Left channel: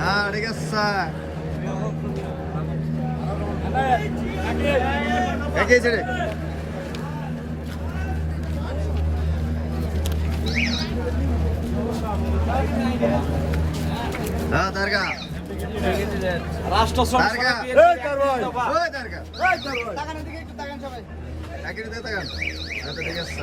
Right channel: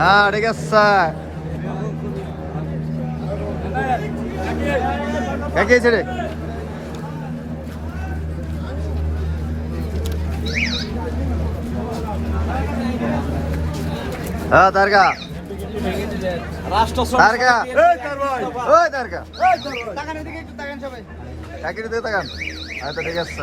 হ্যাঁ ঠিক আছে কে কে রে হ্যাঁ দারগা। রাষ্ট্র দারগা। ওই দিয়ে তাকান আচ্ছা ঠিক আছে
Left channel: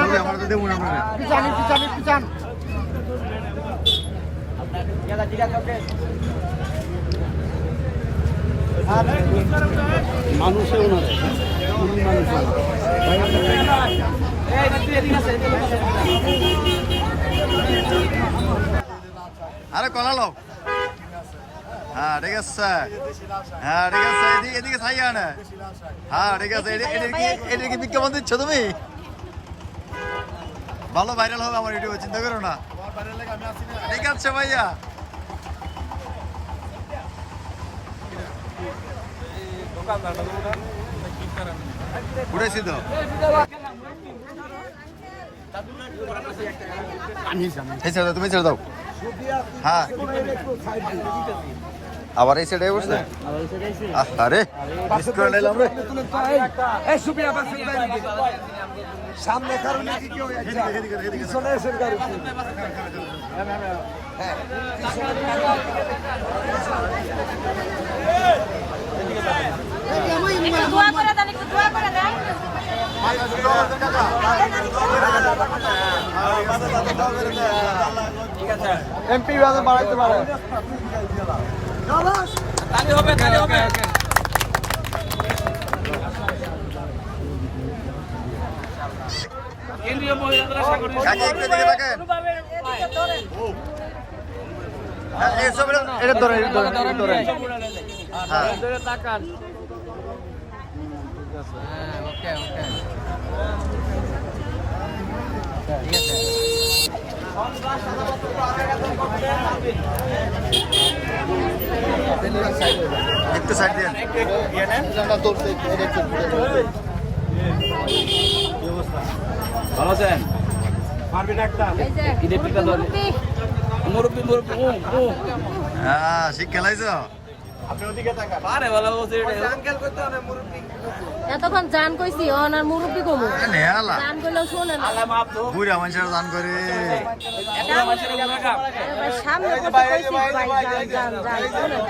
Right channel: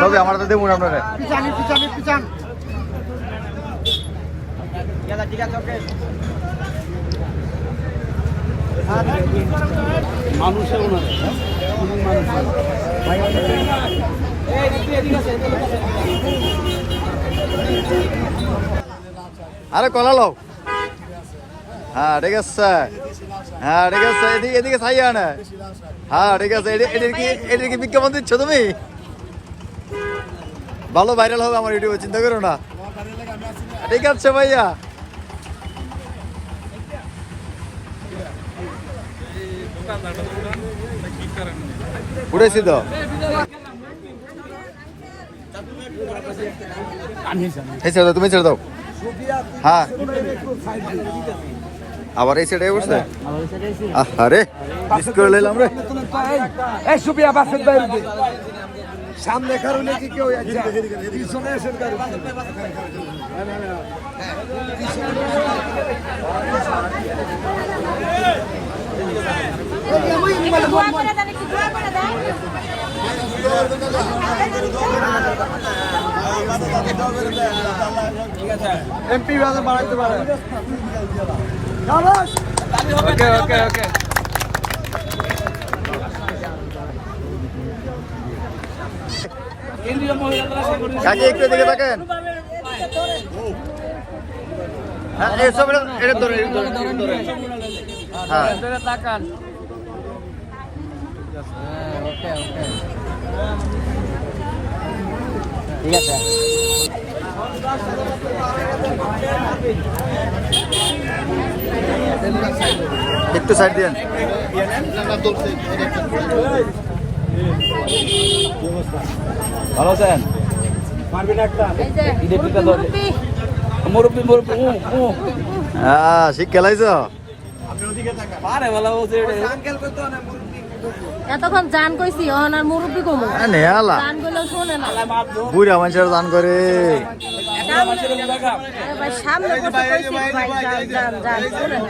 তবে আমার তো দেবো আপনারা। পিছানে পিছানে পিছান মানুষের এই নাকি এদিকে আছে এদিকে আছে আরে কলা লও হ্যাঁ ঠিক আছে। হ্যাঁ ঠিক আছে। এদিকে এদিকে ছাই আনে হ্যাঁ ঠিক আছে। এটি- এটির কি এটির কি বিজ্ঞাপন দিচ্ছ তুমি? ভালো ভাইরাল হবে আমার ইউটিউবে চিন্তা করো না। ঠিক আছে ভাইয়া। উঠেছি তো। তুমি ছেড়ে দাও। হ্যাঁ। আবার এই সাইডে বসছে আরে মিস করে নিলাম। সামনে কারণে কি কেউ? একটা পিছনে এসে দোয়া করে দেন একটু দোয়া করে দেন এমপি পারে। ওকে কাকে একটু দিকে তাকেন। হ্যাঁ এসব এটা ধরে। হ্যাঁ। ওকে ওকে। ঠিক আছে একটু সাইড দিন ভালো আছেন পারবি ডাক্তার ঈদের পিঠা ধরলে মুরব্বি মুরব্বি উ হ্যাঁ শিখ খেলাইছ? পারে ভালো বলছে এতক্ষণ জান কইছি অহন আর মুরব্বি নেহালা। বুড়া মানুষের দান করে।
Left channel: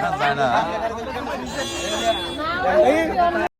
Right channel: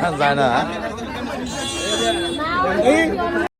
হ্যাঁ, যায় না। না,